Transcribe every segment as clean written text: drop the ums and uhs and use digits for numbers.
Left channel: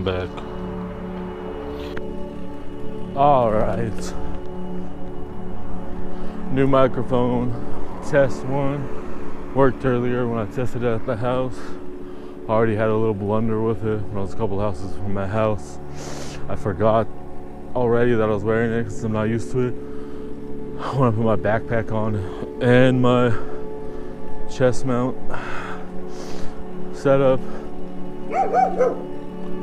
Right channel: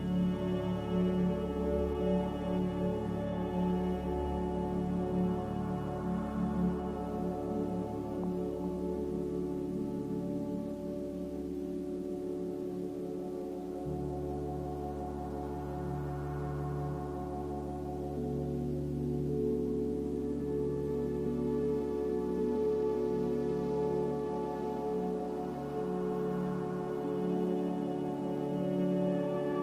I'm back. Alright. New microphone. Test one. Worked earlier when I tested it at the house. Already had a little blunder with it when I was a couple houses from my house. I forgot already that I was wearing it because I'm not used to it. I want to put my backpack on and my chest mount setup.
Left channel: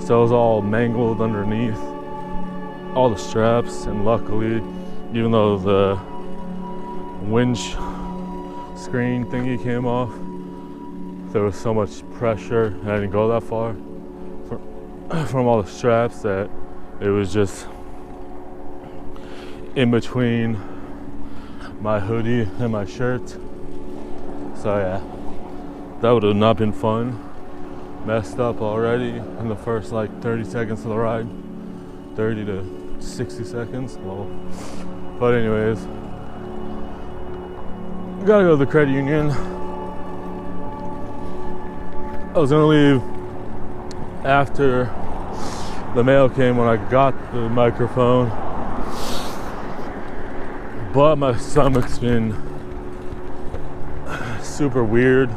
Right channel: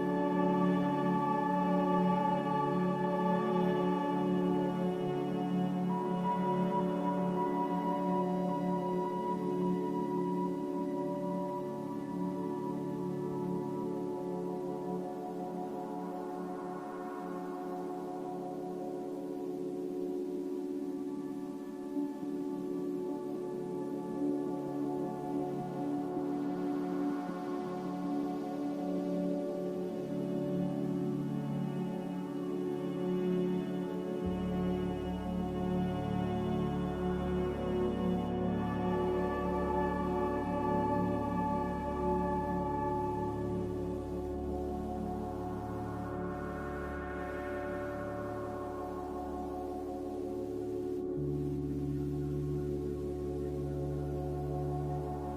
So it was all mangled underneath all the straps, and luckily, even though the winch screen thingy came off, there was so much pressure and I didn't go that far from all the straps that it was just in between my hoodie and my shirt. So yeah, that would have not been fun. Messed up already in the first like 30 seconds of the ride. 30 to 60 seconds. Well, but anyways, gotta go to the credit union. I was gonna leave after the mail came when I got the microphone, but my stomach's been super weird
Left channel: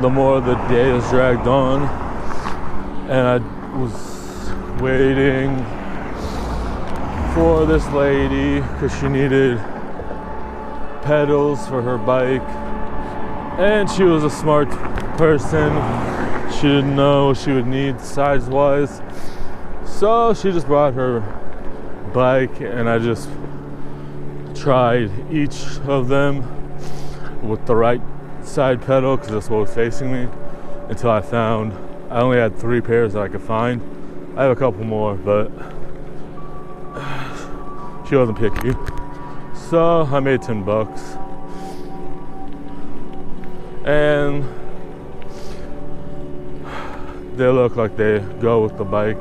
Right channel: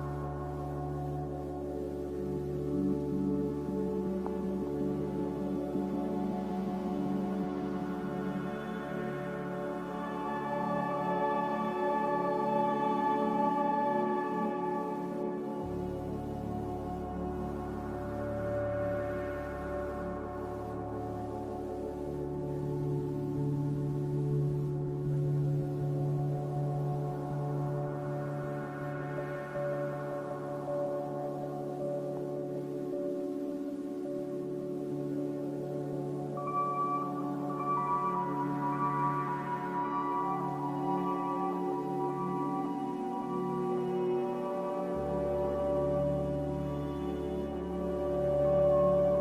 the more the day has dragged on, and I was waiting for this lady because she needed pedals for her bike, and she was a smart person. She didn't know what she would need size-wise, so she just brought her bike, and I just tried each of them with the right side pedal because that's what was facing me until I found I only had 3 pairs that I could find. I have a couple more, but she wasn't picky, so I made $10, and they look like they go with the bike.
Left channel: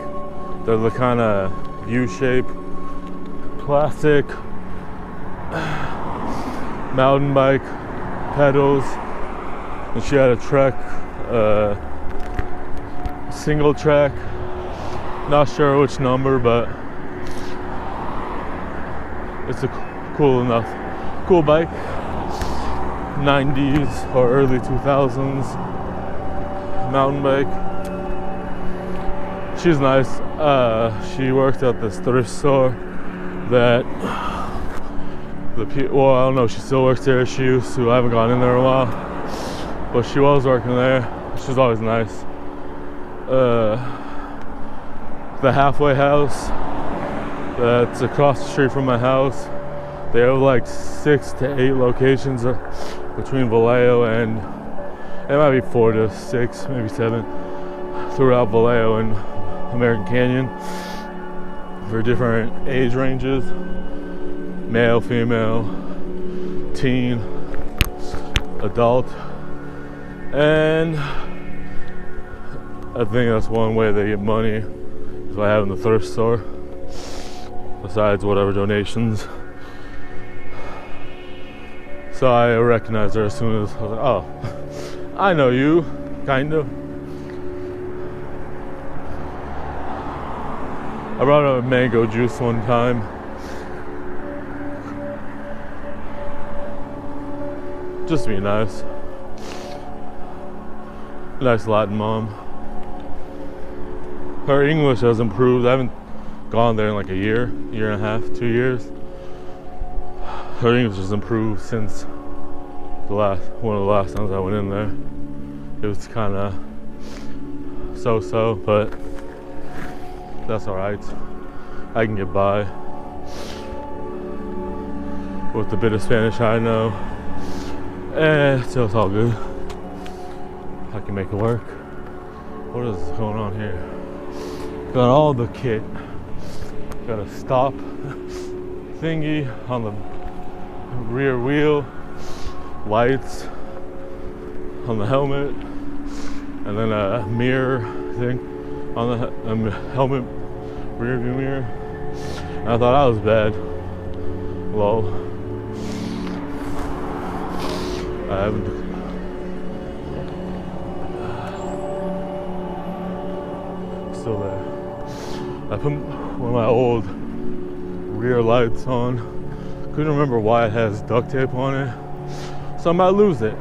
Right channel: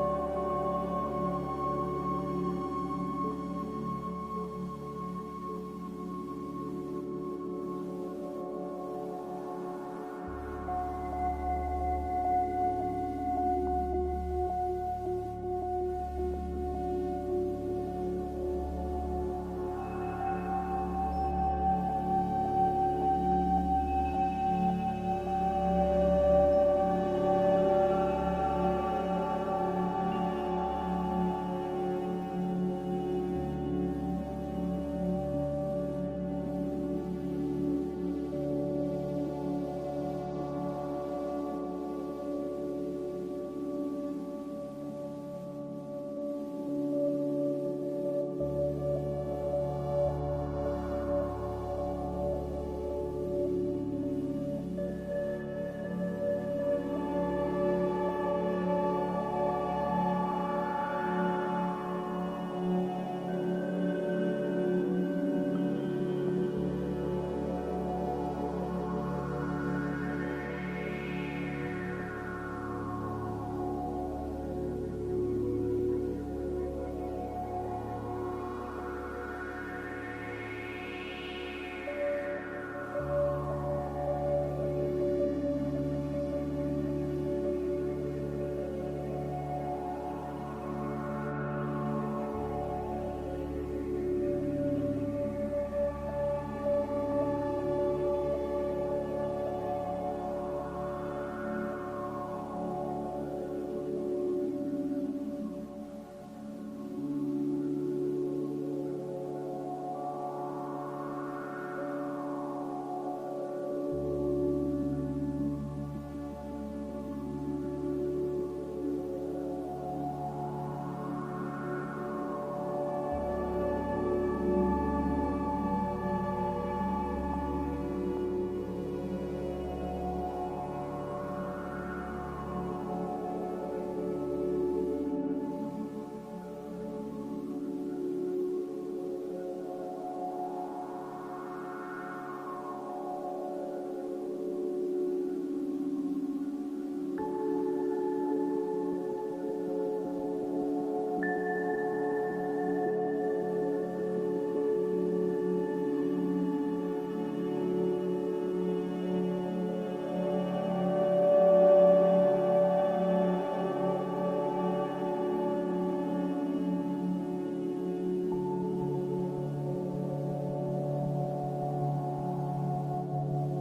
They're the kind of U-shape classic mountain bike pedals, and she had a Trek single track, not sure which number, but it's a cool bike. 90s or early 2000s mountain bike. She's nice. She worked at this thrift store that well, I don't know if she still works there. She used to. I haven't gone in there in a while, but she was working there. She's always nice. The halfway house that's across the street from my house, they have like 6 to 8 locations between Vallejo and it might be 4 to 6, maybe 7 throughout Vallejo and American Canyon for different age ranges. Male, female, teen, adult, and I think that's one way they get money by having the thrift store, besides whatever donations. So I recognized her as soon as I was like, oh, I know you, kind of. I brought her a mango juice one time. Just to be nice. Nice Latin mom. Her English has improved. I haven't gone there in like a year and a half, 2 years. Her English has improved since one of the last times I went in there. It was kind of so-so, but that's alright. I can get by with the bit of Spanish I know. So it's all good. I can make it work. What is going on here? Got all the kit. Got a stop thingy on the rear wheel, lights on the helmet, and then a mirror thing on the helmet, rear view mirror. And I thought that was bad. Lol. put one of my old rear lights on. Couldn't remember why it has duct tape on it, so I might lose it.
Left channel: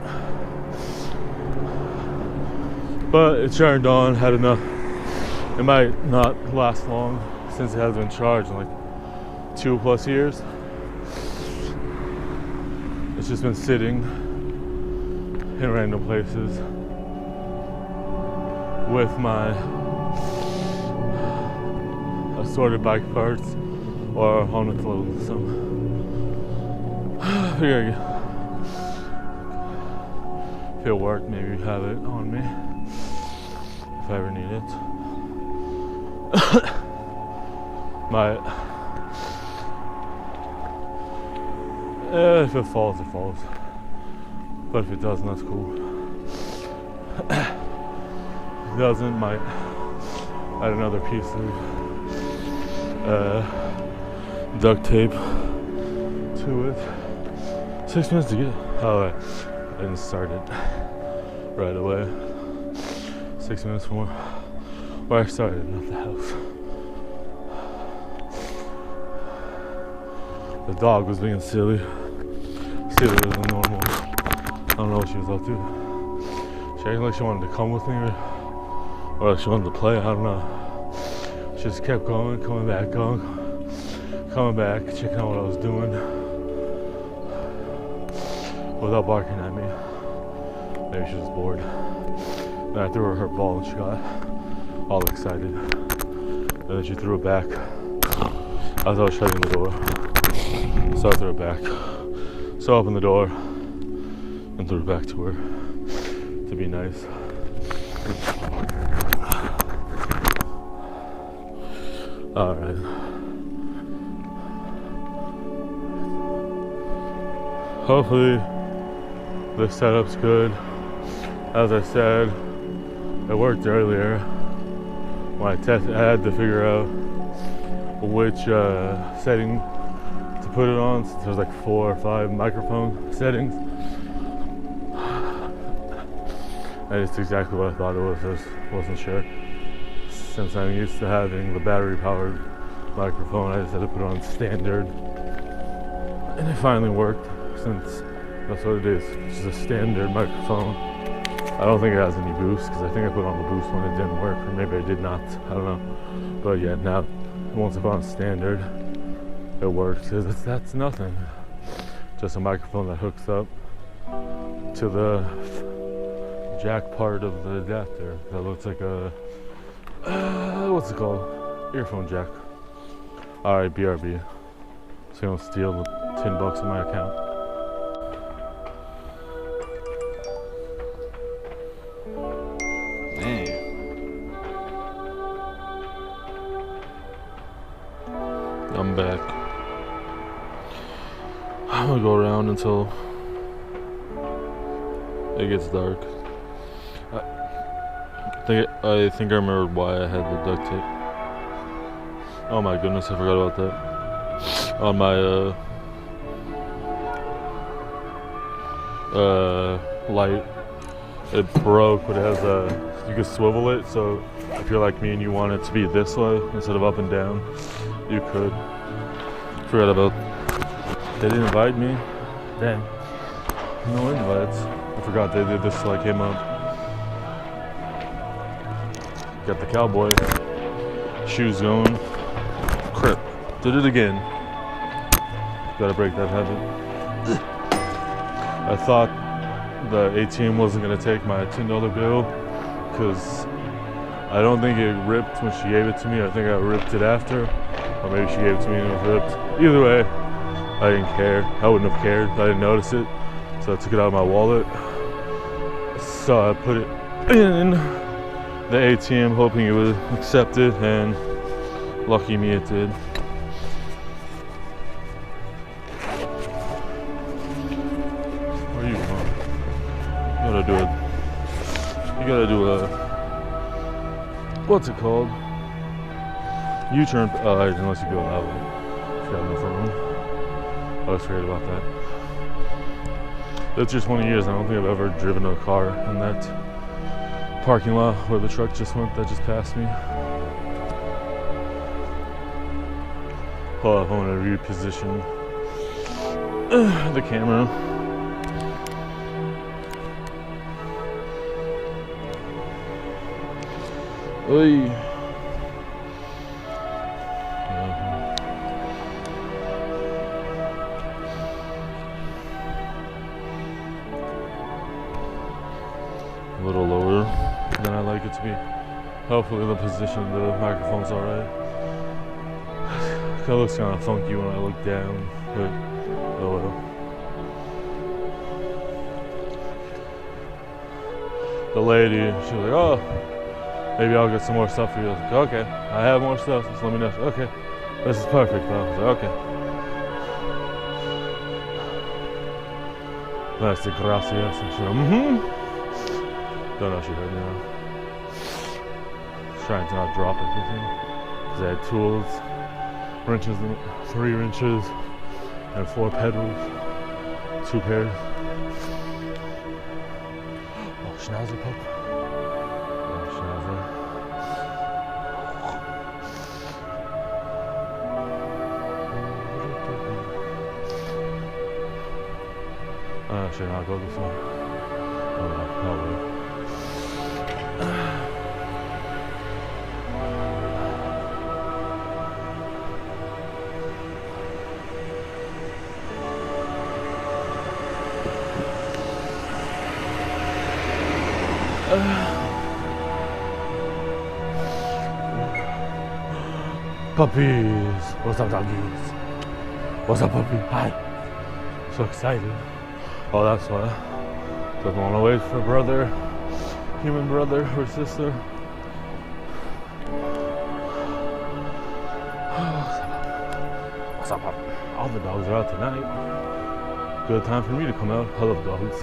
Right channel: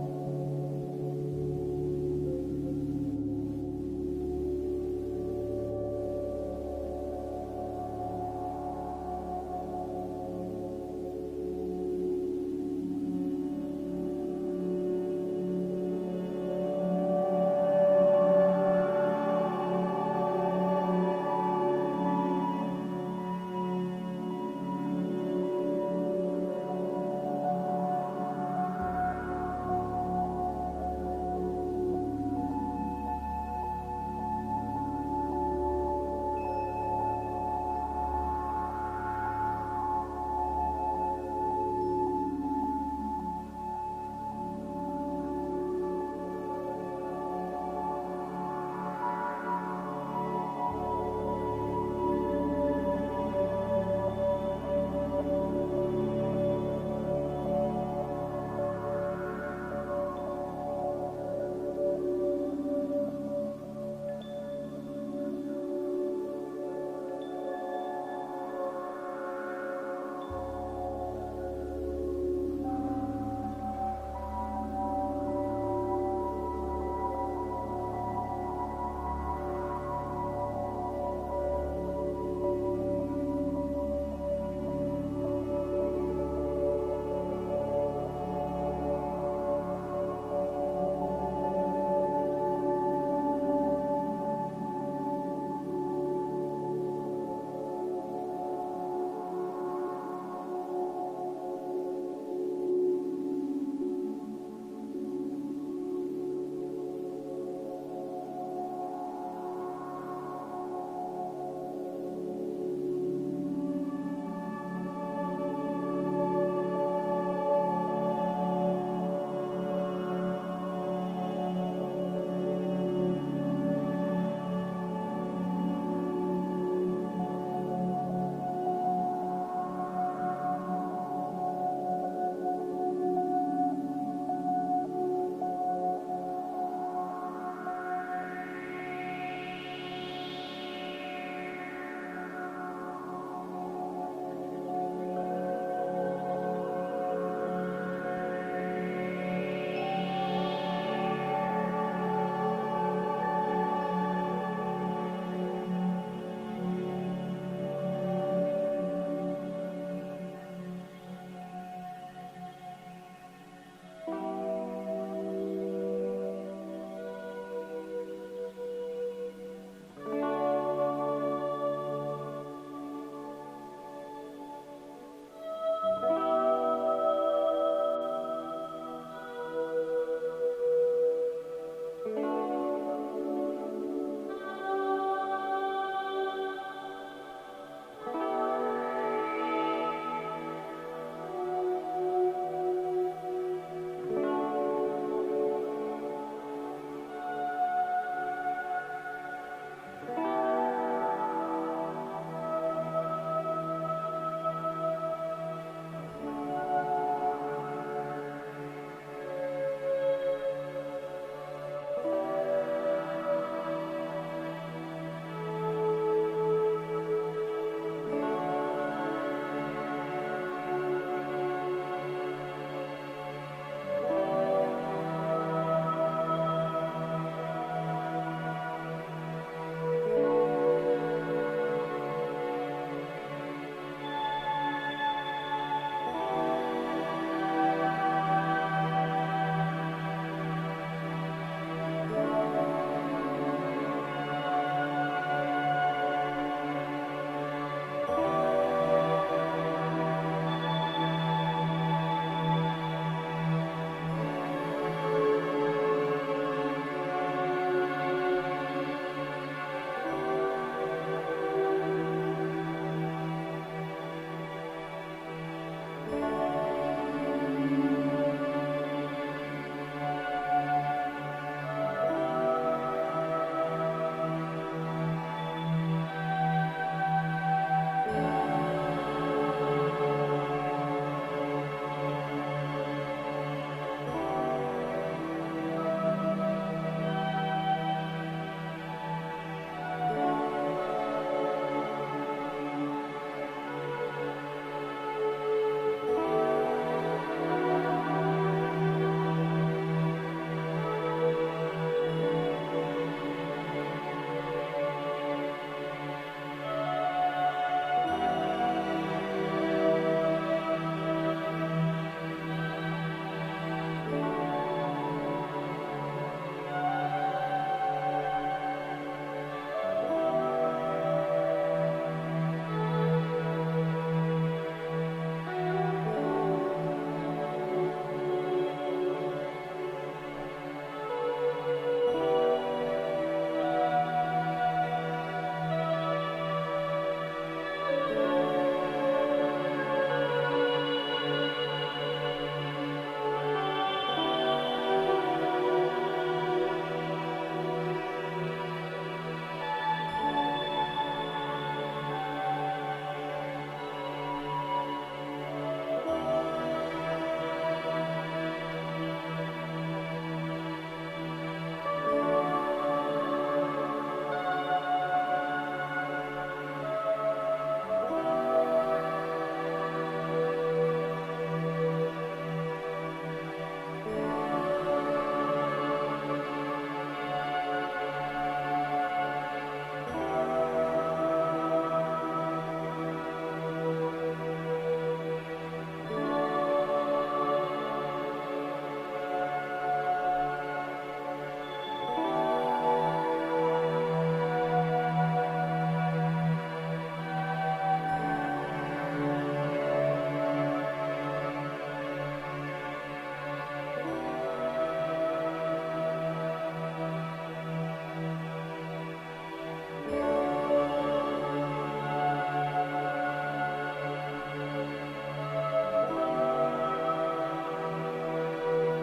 But it turned on, had enough. It might not last long since it hasn't been charged in like 2+ years. It's just been sitting in random places with my assorted bike parts or on the clothes. So I figure if it worked, maybe have it on me if I ever need it. If it falls, it falls. But if it doesn't, that's cool. If it doesn't, might add another piece of duct tape to it. 6 minutes to get. Oh, I didn't start it right away. 6 minutes from where I started, not the house. The dog was being silly. Sillier than normal. I don't know what she was up to. She acted like she wanted to come with me or like she wanted to play, I don't know. She just kept going, coming back, checking out what I was doing without barking at me. Maybe she was bored. Then I threw her ball and she got all excited. And then she threw it back as I was shutting the door. So I threw it back. So I opened the door and threw it back to her to be nice. Alright. Hopefully the setup's good. As I said, it worked earlier. When I tested, I had to figure out which setting to put it on, since there's like 4 or 5 microphone settings. And it's exactly what I thought it was. I just wasn't sure. Since I'm used to having the battery-powered microphone, I just had to put it on standard. And it finally worked, since that's what it is. It's just a standard microphone. I don't think it has any boost, because I think I put on the boost when it didn't work, or maybe I did not. I don't know. But yeah, now, once I put on standard, it works. That's nothing. Just a microphone that hooks up to the jack part of the adapter. That looks like a what's it called? Earphone jack. Alright, BRB. So you don't steal the $10 in my account. Damn. I'm back. I'm gonna go around until it gets dark. I think I remembered why I had the duct tape. Oh my goodness, I forgot about that. On my light, it broke, but it has you can swivel it, so if you're like me and you want it to be this way instead of up and down, you could. Forgot about. They didn't invite me. Dang. No invites. I forgot they did this till I came up. Got the cowboy shoes going. Crap. Did it again. Gotta break that habit. I thought the ATM wasn't gonna take my $10 bill because I don't think it ripped when she gave it to me. I think I ripped it after. Or maybe she gave it to me and it was ripped. Either way, I didn't care. I wouldn't have cared. I didn't notice it. So I took it out of my wallet. So I put it in the ATM hoping it would accept it, and lucky me it did. Where are you going? You gotta do a what's it called? U-turn, unless you go that way. I was afraid about that. It's just 20 years, I don't think I've ever driven a car in that parking lot where the truck just went, that just passed me. Hold up, I want to reposition the camera. Oy. A little lower than I like it to be. Hopefully the position of the microphone's alright. It looks kind of funky when I look down, but oh well. The lady, she was like, oh, maybe I'll get some more stuff for you. I was like, okay, I have more stuff, just let me know. Okay, this is perfect though. I was like, okay. I said, gracias. And she's like, Don't know if she heard me now. Trying to not drop everything. Because I had tools, wrenches, 3 wrenches, and 4 pedals, 2 pairs. Oh, schnauzer pup. Oh, schnauzer. Should I not go this one? Oh, no, probably. Puppies! What's up, doggies? What's up, puppy? Hi! So excited. Oh, that's why. Doesn't want to wait for brother, human brother or sister. What's up, puppy? All the dogs are out tonight. Good time for me to come out. I love dogs.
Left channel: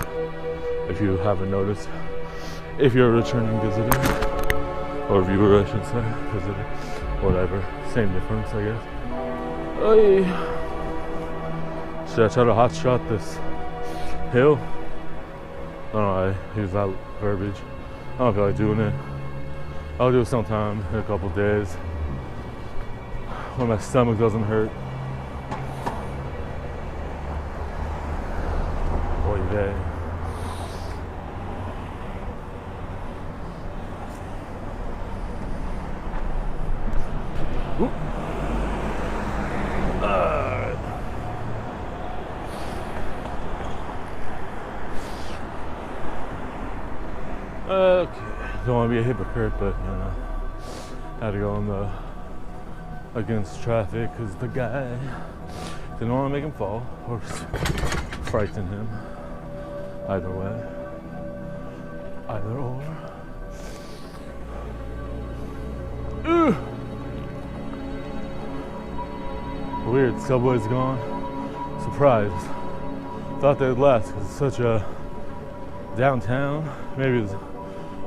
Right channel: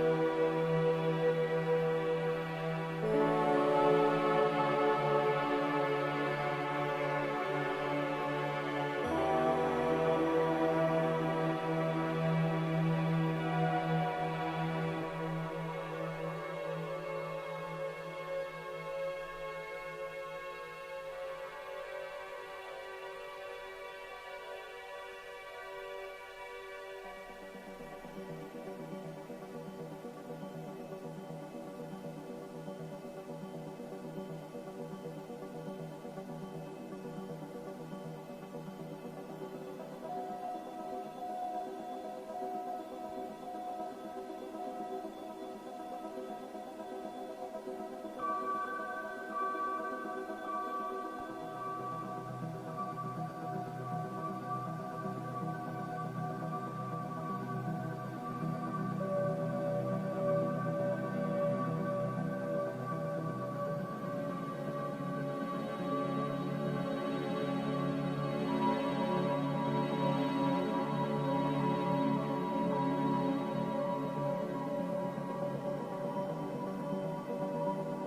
If you haven't noticed. If you're a returning visitor, or viewer, I should say, visitor, whatever, same difference, I guess. Oy. Should I try to hot shot this hill? I don't know, I use that verbiage. I don't feel like doing it. I'll do it sometime in a couple days when my stomach doesn't hurt. Oy vey. Okay, don't want to be a hypocrite, but you know, had to go on the against traffic because the guy didn't want to make him fall or frighten him. Either way, either or. Ugh. Weird, subway's gone. Surprised. Thought they'd last because it's such a downtown. Maybe the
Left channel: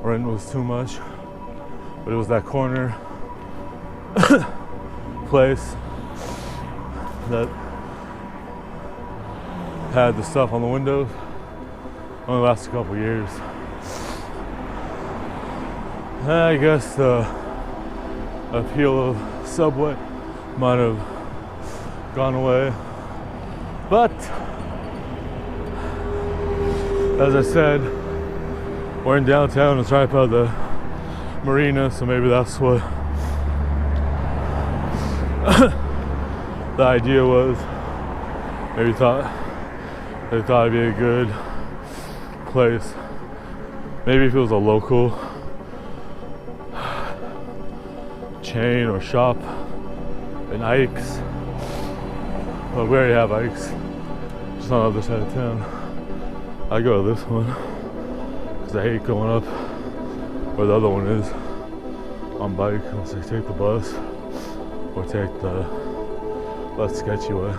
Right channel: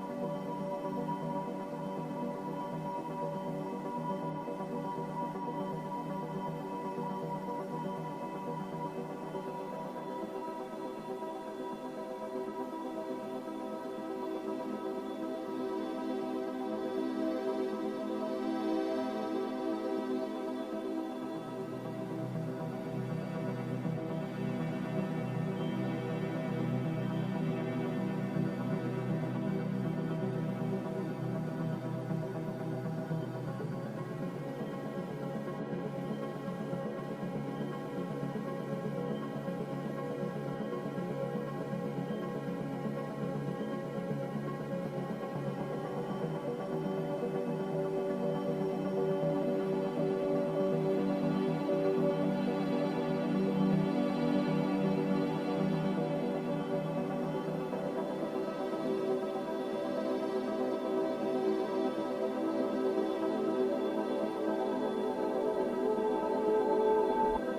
rent was too much, but it was that corner place that had the stuff on the windows. Only lasted a couple years. I guess the appeal of Subway might have gone away, but as I said, we're in downtown. It's right by the marina, so maybe that's what the idea was. Maybe they thought it'd be a good place. Maybe if it was a local chain or shop in Ike's. Well, we already have Ike's, just on the other side of town. I go to this one because I hate going up where the other one is on bike unless I take the bus or take the less sketchy way.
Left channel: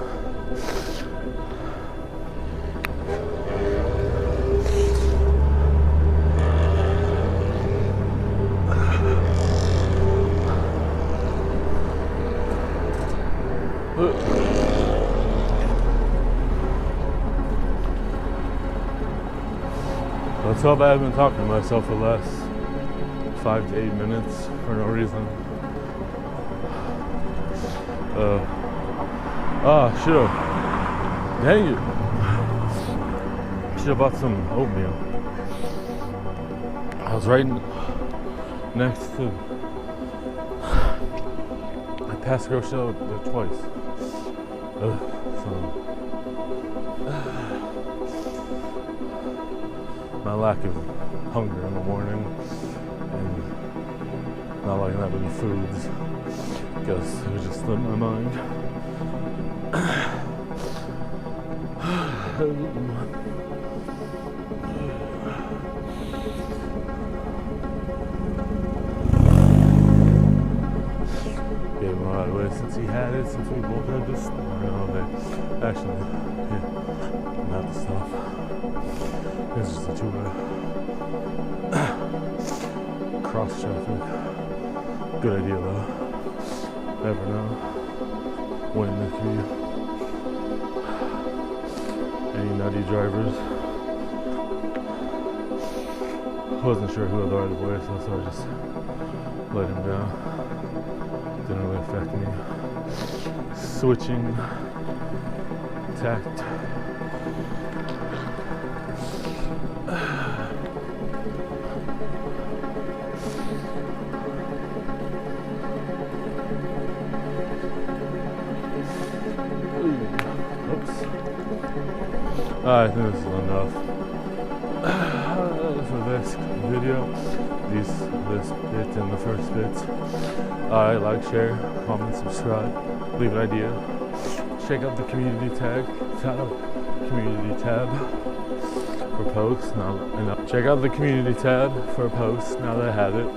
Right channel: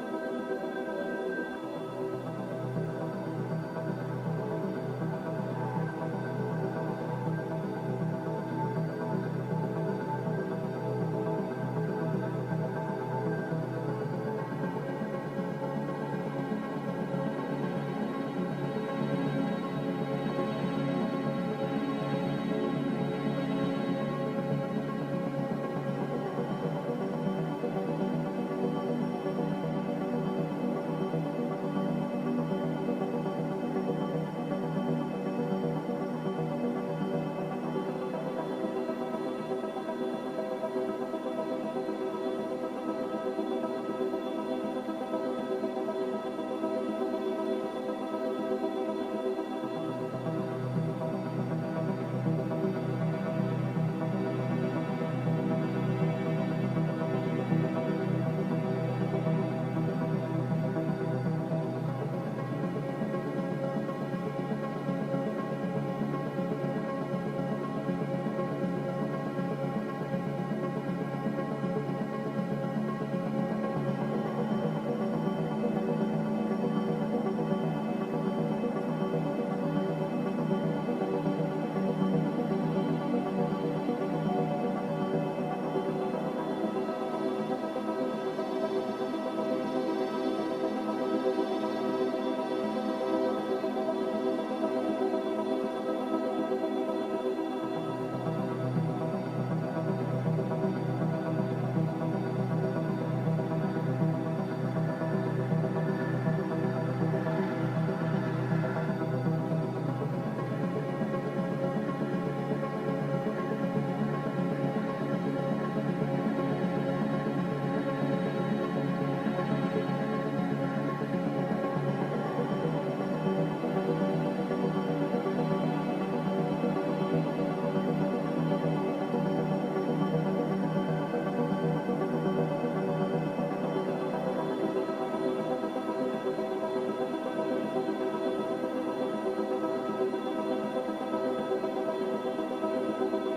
Let's hope I haven't been talking to myself for the last 5 to 8 minutes for no reason. Ah, should've. Dang it. Should've bought some oatmeal. I was right next to. I passed the grocery store like twice. So. My lack of hunger in the morning. Not liking that many foods. Because it was just slipping my mind. Gave him right away since he had it, since we both had this. Actually, yeah, not the stuff. It's just the two cross traffic. Good idea though. Never know when if you any nutty drivers. Wasn't sure who had the right of way, so I just let him down. Didn't really affect me. Switching tact. I think this is enough. For this video, this bit and the first bit. Like, share, comment, subscribe, leave an idea. Check out the community tab for posts. Check out the community tab for posts now that I have it.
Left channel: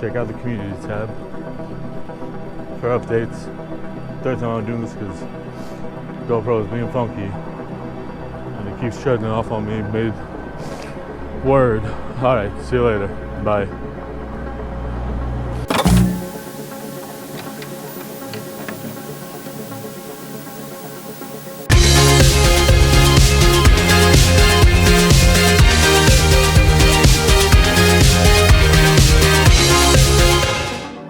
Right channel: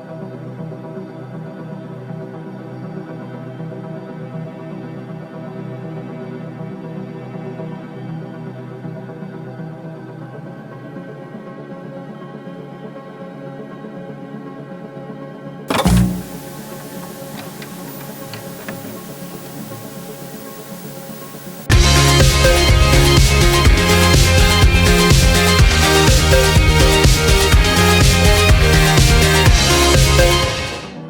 Check out the community tab for updates. Third time I'm doing this because GoPro is being funky and it keeps shutting off on me mid word. Alright, see you later. Bye.